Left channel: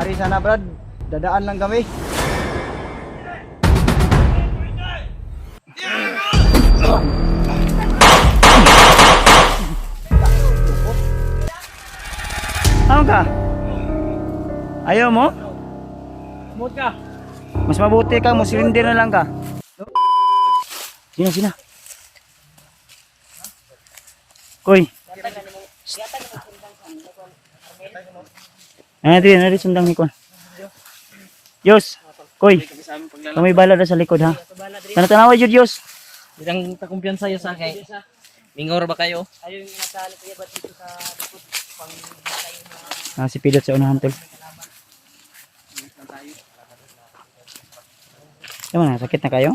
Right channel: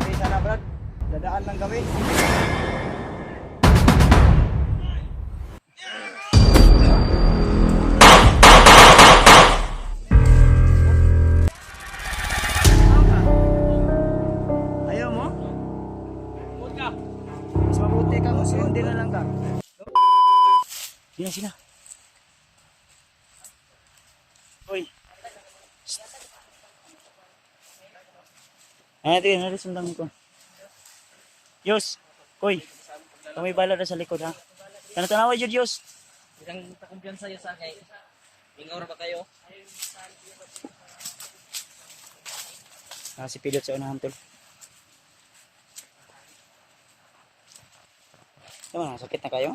Ari sana Brad, dadaan lang kami. Ano ka? Ayaw mo? Mut ka. Mas mabuti ka, muslinder na lang ka. Sina. Koy. Nari sundang ni Kon. Yos. Koy. Kami bala na sa likod ha. Kana tanawa jud Yos. Ilang takumpiyansa yo sa kay. Mingor ba kayo? Ayaw yung nasali kaya ba dito sa likod pang Si Pilot sa unahan tol. Yung na, sakit na kayo?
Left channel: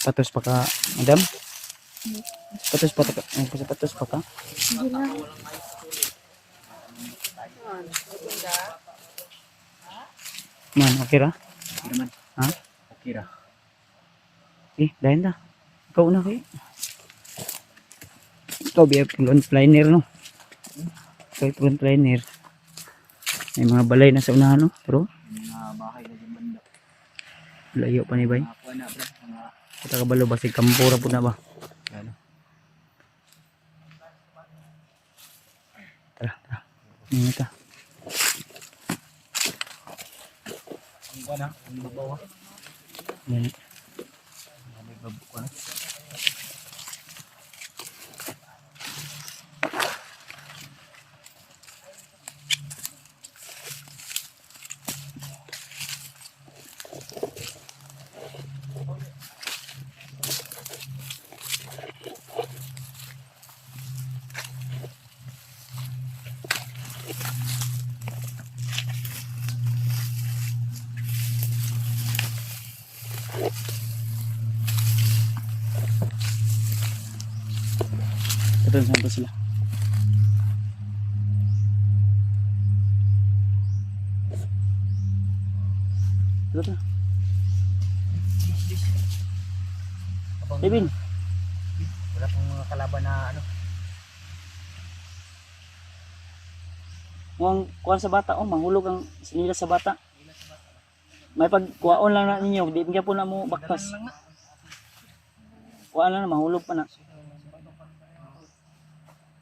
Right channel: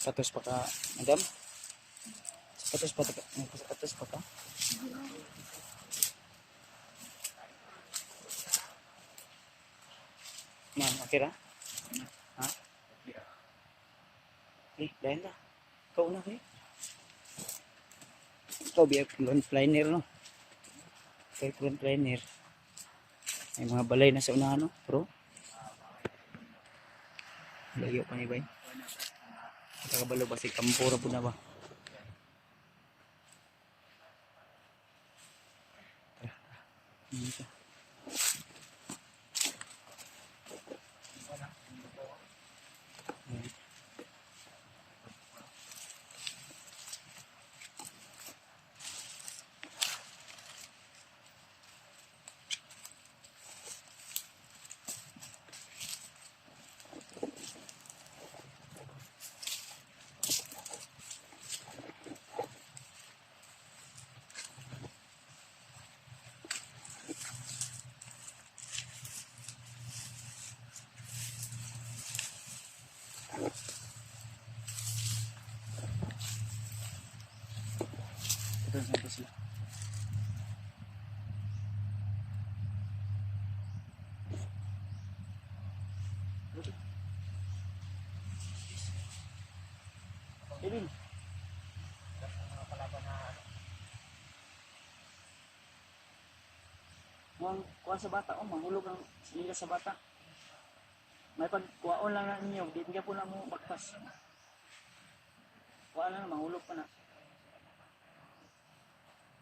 Sapatos pa ka, madam? Sapatos pa ka? Man, okay ra? Ha? Okay ra. Dahil na. Ikaw na kayo. Ikaw, frontliner, no? Ikaw, frontliner. May mga balay na sa unahan, no? Pero, layo pa ni Bay. Kita kabalo ba? Si Kampura po na ba? Tara. Ini ka. Ini. Ito saan pa sila? Ito. Devin. Wala pong mga kalaban na ano. Mukhang kuha sa bata. Mahulog ang sinila sa bata. May pagkuhaon lang na ninyo. Di niya po na mo baktas. Kuha lang na, mahulog pa na.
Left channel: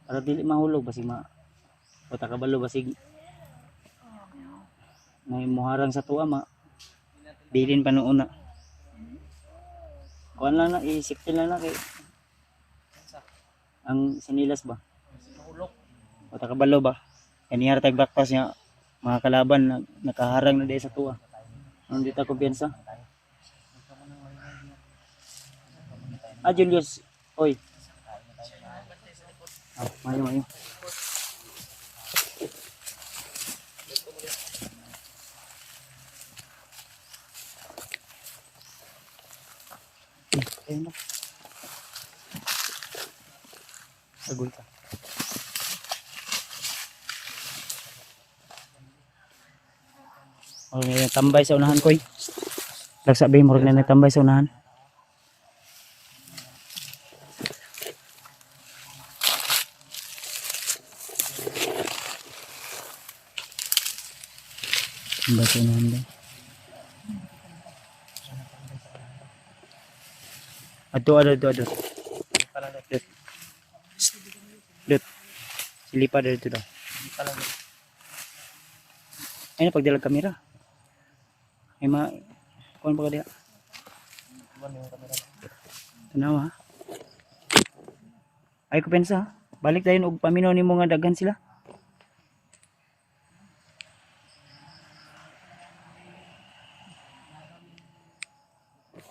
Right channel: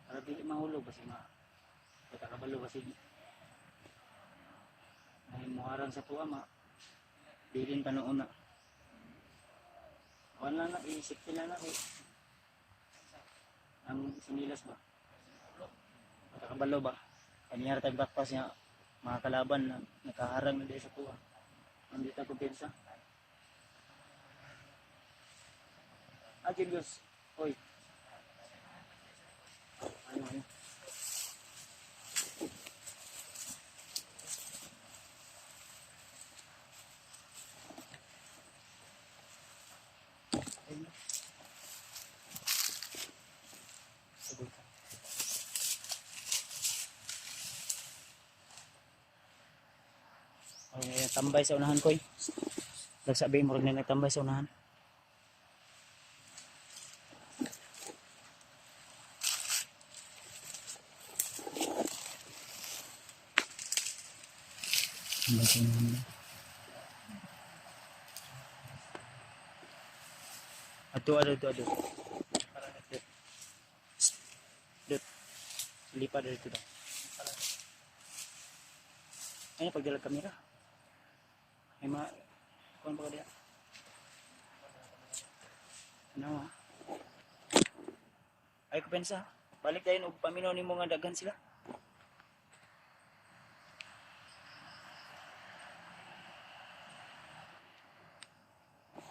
Para dili mahulog basig bata kabalo basig may muharang sa tuwa bilin pa noon na. Kuan lang na isipin lang na kay ang sinilas ba. Bata kabalo ba. Kaniyar tag baktas niya mga kalaban na nakaharang na di sa tuwa. Hindi ta kumpiyansa. Julius, oy. Mayo. Ayun na. Sagol ka. May tambay sa unahan koy. Lagsabi mo rin na tambay sa unahan. Baca nanda. Ada. Lut. Silipa dari itu dah. Ini pagdalag kamera. Ay kuan pa dia. Tanawa. Ay ko pensa, balik dayon og paminaw nimo nga daghan sila.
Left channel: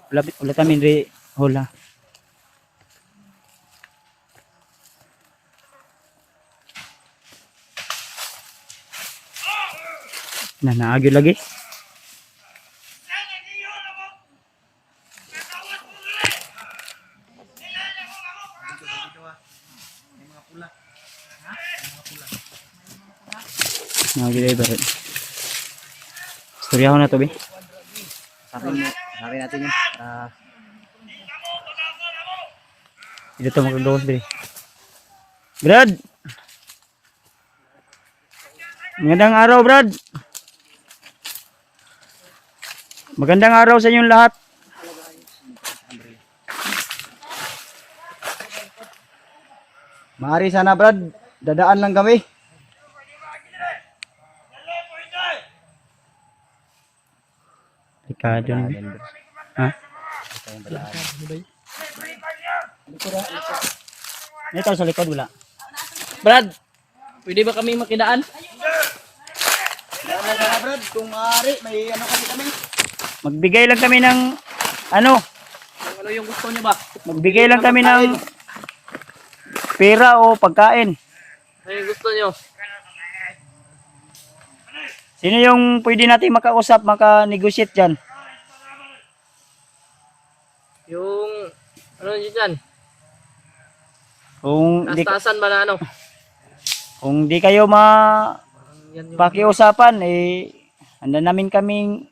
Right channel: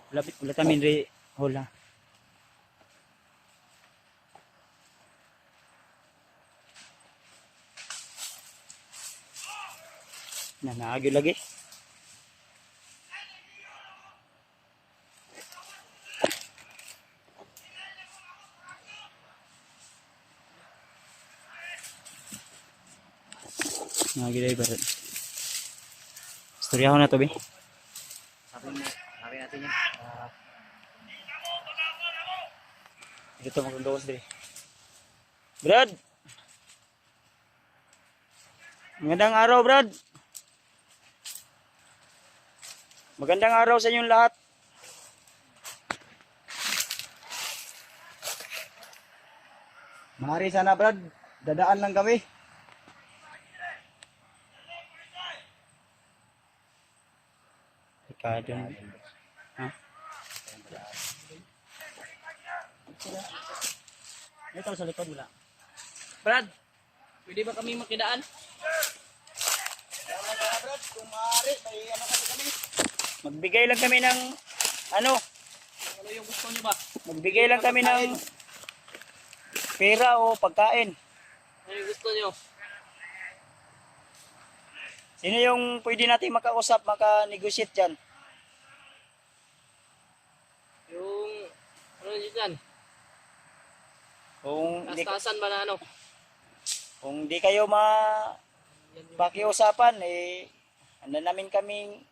Wala tamin re hola. Naagyo lagi. Naagyo lagi ba? Istorya ko na to, Bi. Sabi natin yun. Dito magagawas, Bi. Brad. Magandang araw, Brad. Magandang araw sa inyong lahat. Maaari sana Brad, dadaan lang kami. Ricardo. Ha? Ito sa likod wala. Brad, pwede ba kami makidaan? Dadaan sana Brad, kung maaari, may ano kami. Magbigay lang kami ng ano, Ano yung gusto niyo ba? magbigay lang kami ng pera o pagkain. Ano yung gusto niyo? Sino yung pwede natin makausap, maka-negotiate dyan? Yung, ano yun dyan? Kung di, Tastasan ba na ano? kung di kayo Yan yung, pakiusapan, eh, handa namin kaming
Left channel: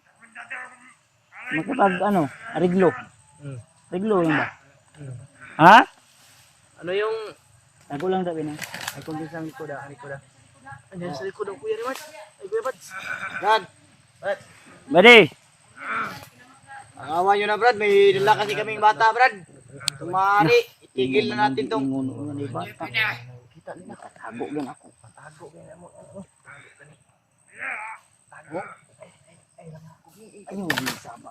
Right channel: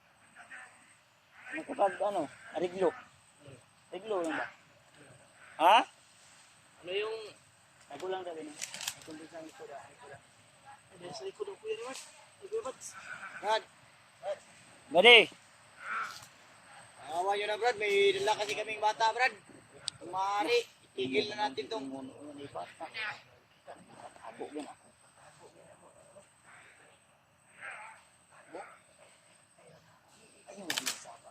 makapag, ano, ariglo. Hmm. Ariglo yun ba? Ha? ano yung, Tago lang daw yun. ay kung di sa likod ah, likod ah. Ano sa likod ang kuya ni Mark? Ay kuya Bads. Brad, Badi, awa nyo na Brad, may dala kasi kaming bata Brad. Kung maaari, itigil na natin tong tago lang ako. Ayun, di sama.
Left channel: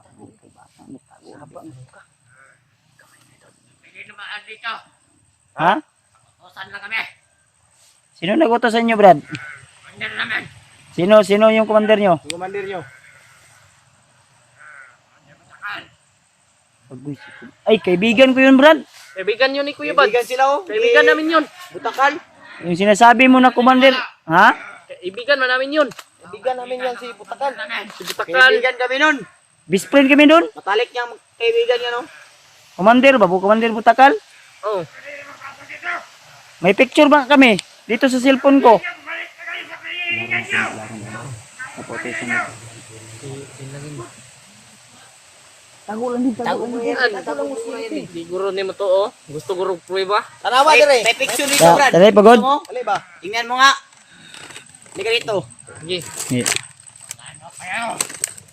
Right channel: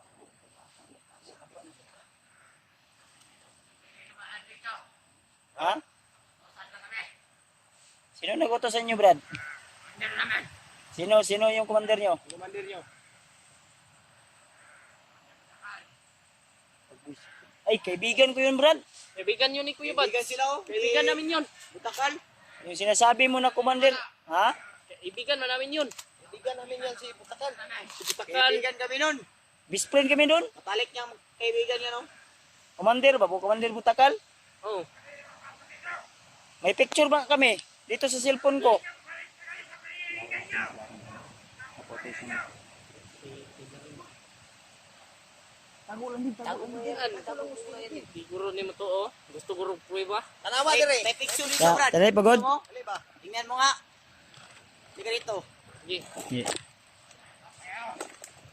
Ha? Utosan lang kami. Sino nag-utos sa inyo, Brad? Under naman. Sino yung commander nyo? commander nyo. Ay, kaibigan ko yun, Brad. Kaibigan yun ni kuya Bads. Kaibigan sila oh. Kaibigan namin yun. Butakal. Yung sinasabi mo na commander. Ha? Kaibigan man namin yun. Kaibigan namin yan si Butakal. Si Butakal. Kaibigan kami nun. Best friend kami doon. Matalik niyang kaibigan niya no. Commander ba? Commander Butakal? Oh. May picture ba kami? Dito sa cellphone ko. Siguro ni mo to oh. Gusto guro prueba. Tanawa dire. May picture dito Brad. Tara, pagod. Ali ba? Tingnan mo nga. Halika dito. Sige.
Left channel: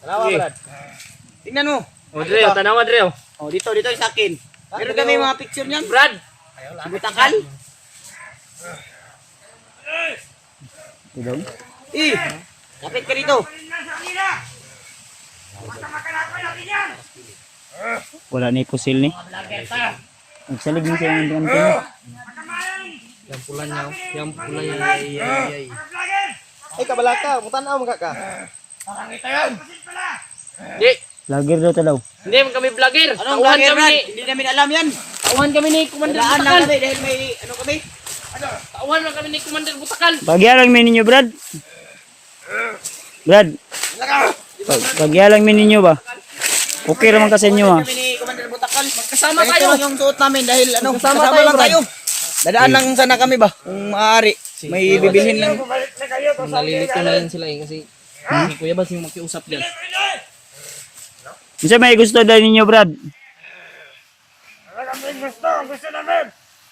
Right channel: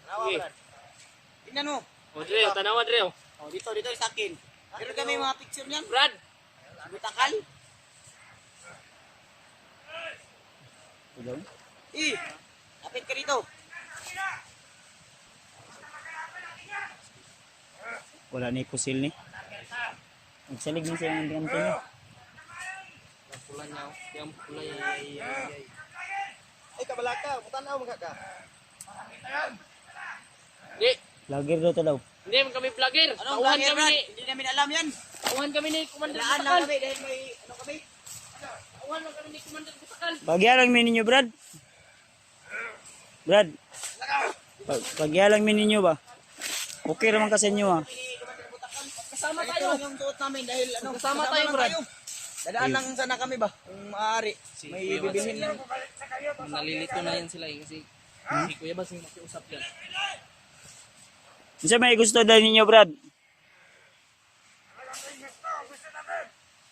Tanawa Brad. Tingnan mo. O Dre, tanawa Dre. Oh, dito sa akin. Meron kami mga picture niyan. Brad. Si Butakal. Ito Kapit ka dito. wala ni pusil ni. Nagsalig ni siya ng tingnan. Yang pula niya. Yang pula niya. Ay. Ay kabalaka, mutanaw mga ka. Di. Vlogger daw to daw. Hindi man kami vlogger. Anong Tauhan vlogger kami Brad? ni. Hindi namin alam yan. Tauhan kami ni Commander Dalaan lang Butakal. kami dahil may ano kami. Tauhan lang kami ni Commander Butakal. Pagyalang mi ninyo, Brad. Brad. Pagyalang mi ninyo ba? Okay naman kasi inyo ha. Kami ni Commander Butakal. Kasama Ganito tayo. lang yung suot namin dahil ano, Kasama kasama tayo, lang Brad. tayo. Dadaan lang sana kami ba? Kung maaari. May bibilhin lang. Nalilito na yan sila eh. Kasi si Kuya Bads yung makiusap dyan. Isa may gusto daw ninyo, Brad. Wala kami gusto. Ang gusto namin.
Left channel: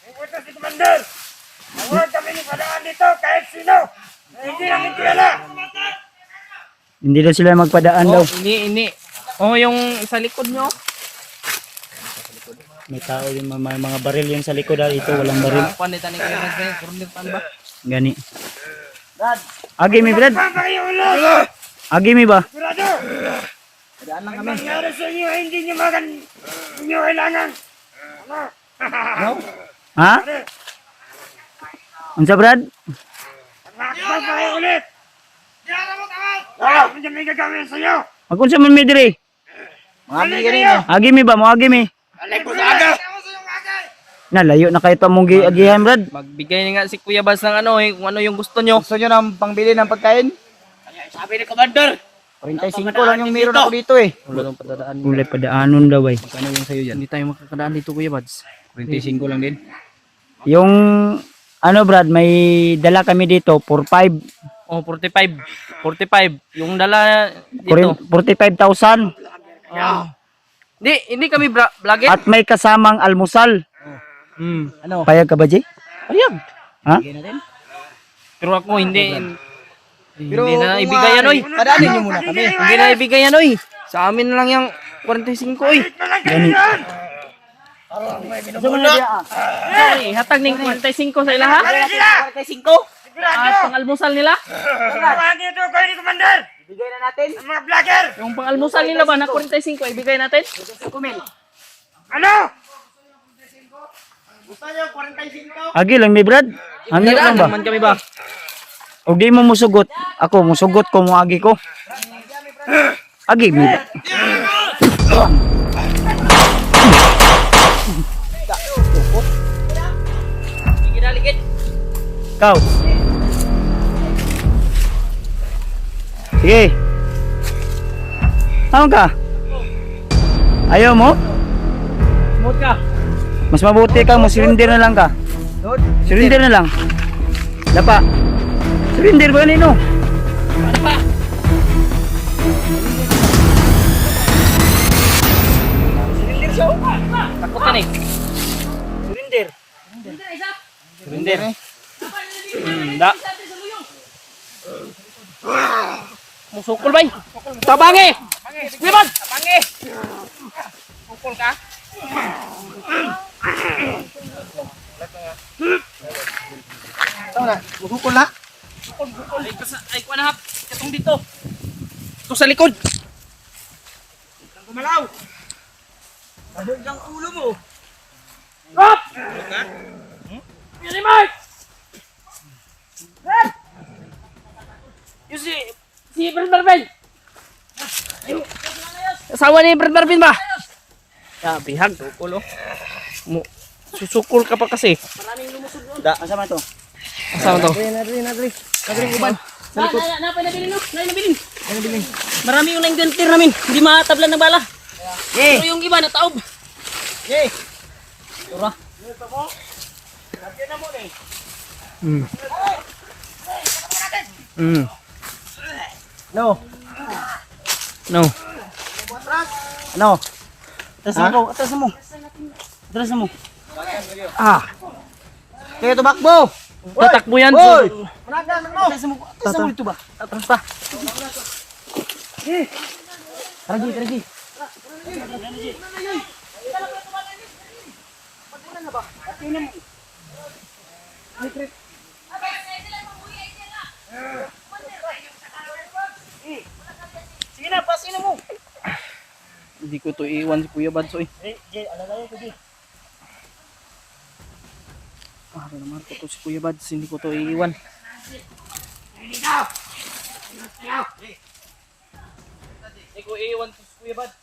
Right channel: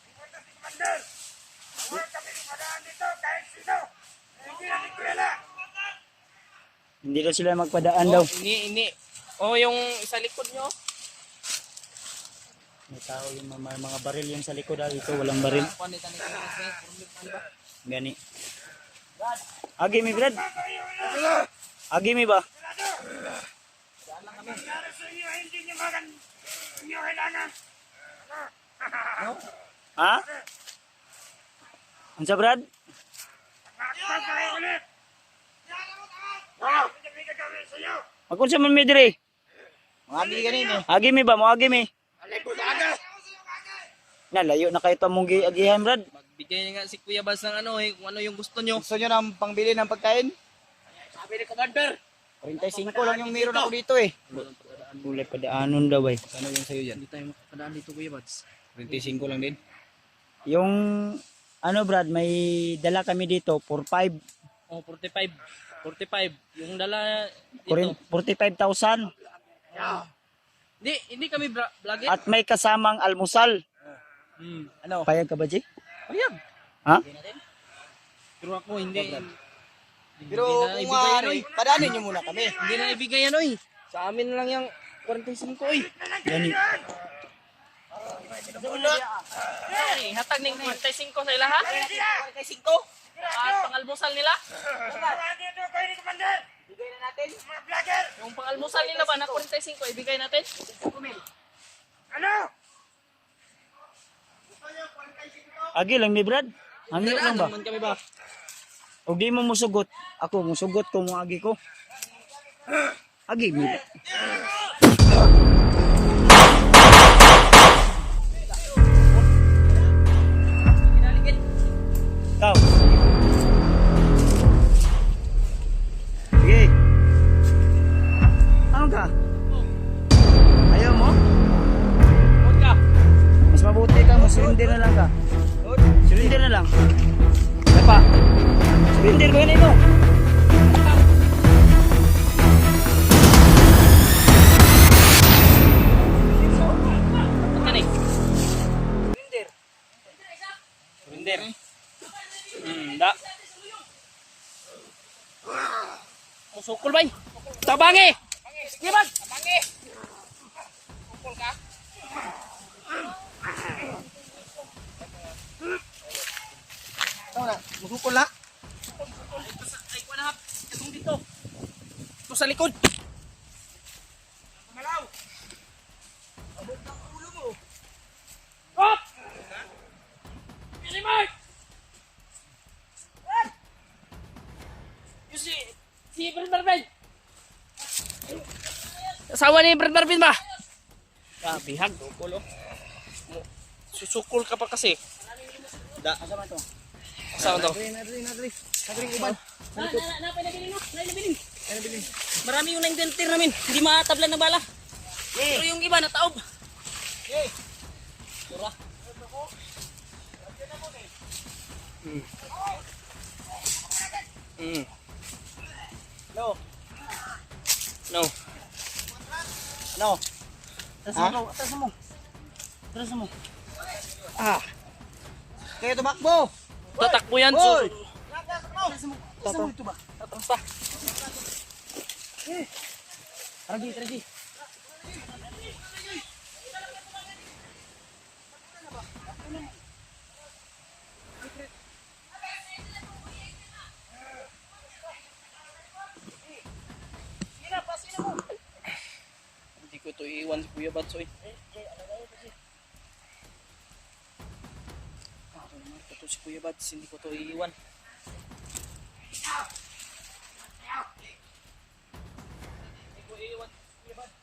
Ikuto si Commander. Huwag kami ni padaan dito kahit sino. Na hindi namin kilala. Hindi daw sila magpadaan daw. Ini. Oh, yung sa likod nyo. May tao yung mga baril yung sa likod dito, walang baril. Pandita ni Kuya Bads ngayon. Kurunir tan ba? Gani. Agi mi, Brad. Saan pa kayo ulit? Agi mi ba? Sigurado. Dadaan lang kami. Nangyari sa inyo, hindi nyo magan. Hindi nyo kailangan. Ano? Ha? Unsa, Brad? Saan pa kayo ulit? Hindi may gagawin sa inyo. Magunsa man mi diri? Mga ganito. Agi mi ba mo agi mi? Alay po sa aga. Nalayo na kayo tamong giagihan, Brad. Magbigay na nga si Kuya Bads ng ano eh. Kung ano yung gusto nyo. Gusto nyo ng pangbili ng pagkain? Sabi ni Commander. 45 lang yung meron ako dito eh. Wala nang padadaan. Ulay padaanon daw ay. Ano yung sa'yo dyan? Hindi tayo makakadaan dito Kuya Bads. 45 lang din. Yung ano, Brad, may dala kami dito 45. Oh, 45. 45. Yung dala dito. 45,000 Hindi kami vlogger. at may kasamang almusal. Ano? Payag ka ba, Jay? Ayag. Ha? Bigay natin. Pero ako hindi. Pero Hindi na kung ibigay yan, oy. Padaanin niyo muna kami. Hindi na ibigay yan, oy. Sa amin lang yung 45, oy. Gani. Sorry, hatag ning 45 sa ilaha. 45. At pang-almusal nila. Tawagin ito kayo ni Commander. Bigay na natin. Ang mga vlogger. Yung pang-almusal nila ba na 45 ibigay natin? Ano? Gusto niyo 45? Agi lang mi Brad. Hangyo lang ba? Naman kami ba? Og di mo musugot. Ako musugot ko mo agi ko. Agi mi. Sige na, ligid. Kau. Sige. Tama ka? Ayaw mo? Mut ka. Mas mabuti ka mo surrender na lang ka. Surrender na lang. Dapa. Surrender ba nino? Ano pa? Takot ka ni. Surrender. Da. Musukol bay. Tabangi. Wiman. Tabangi. Sukol ka. Musukol na. Ay, kuha na hap. Katong dito. Ito sa likod. Gumalaw. Sabog ang ulo mo. Hop! Yan Mark! Yung si Brad Marvin. Asawa ni Brad Marvin ba? Bihag. Sukol, susukol ka pa kasi. Asa man to? Asawa to. Nadri. Uban. Sa likod. Nabilin. Marami yung na-inventir namin. Hindi matablan ng bala. Pero yung iba nataob. Yay. Tura. No. No. Ano? Atras mo. Atras mo. Ah. Kayo tumakbo. Tatakbo yan. Atras mo. Atras mo dito ba? Atras pa. Karagi. Sige na, pasin na mo. Hindi ko to iiwan si Kuya Badso eh. Alalayo ko di. Mahal naman ko to si Kuya Bads. Hindi ko to iiwan. Hindi ko iiwan to si Kuya Bads.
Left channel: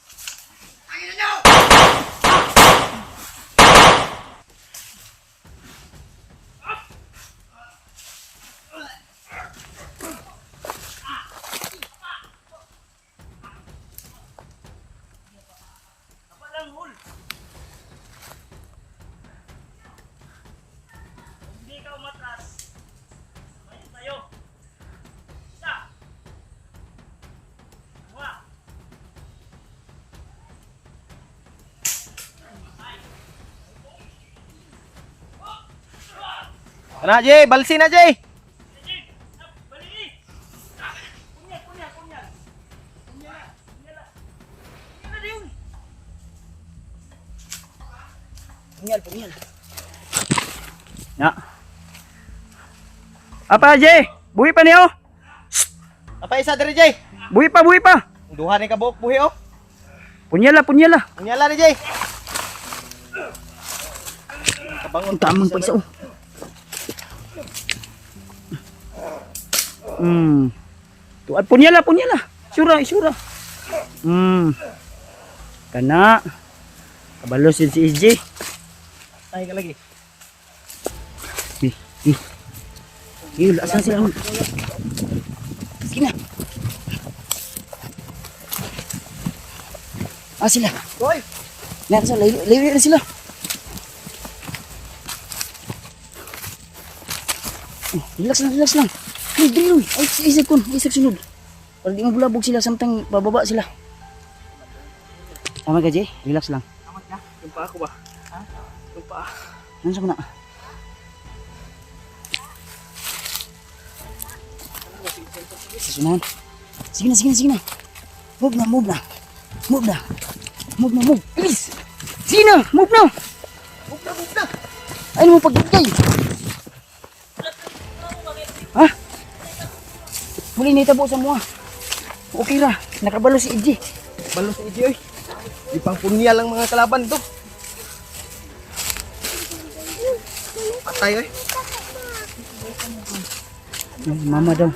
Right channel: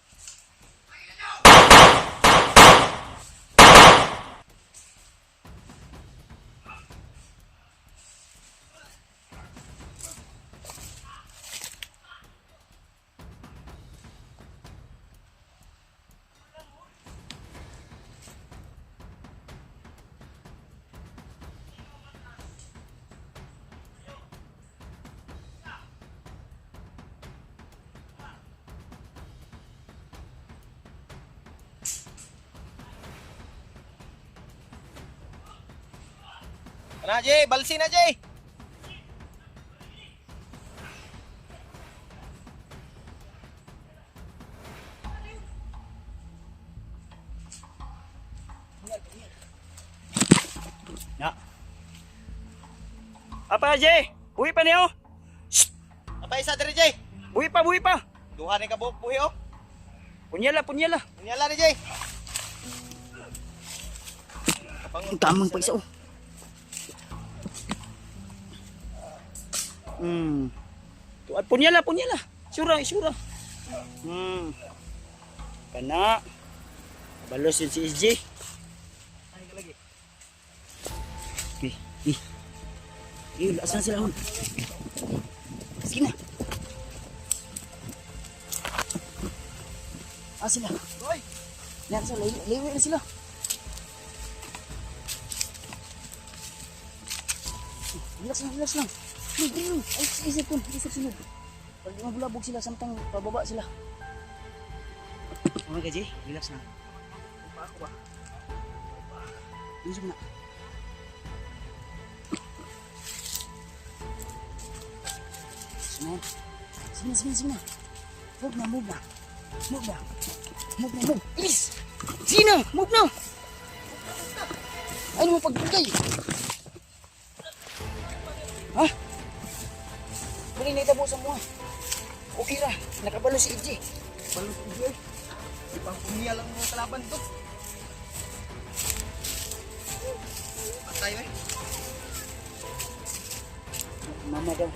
Ana, Jay, balsi na, Jay. Punyal. Ya. Apa Jay? Buhi pa niyo? Apa isa diri, Jay? Buhi pa. Duha ni kabuk buhi oh. Punyala. Punyala ni, Jay. Ang tamang pa isa oh. Tuad punyala. Sura. Kana. Kabalos yun si SJ. Ay ka lagi. Asan sila? Sige na. Sila. Hoy, Nasa layo na sila. Relax lang. Dili. Isip sunod. Para di mabulabog sila samtang pababa sila. Tama ka, Jay? Relax lang. Yung pa ako ba? Yung pa. Ano sa muna? Susunod. Sige na, sige na, sige na. Move na, move na. Move na. Move na, move. Bilis. Sige na, move na. Move na, move na. Ayun mo pagbigay. Ha? Muli na itabo sa mga. Okay ra, nakabalo si EJ. Balo sa idyo eh. Ipang punya lang mga kalaban ito. Patay eh. Mama daw.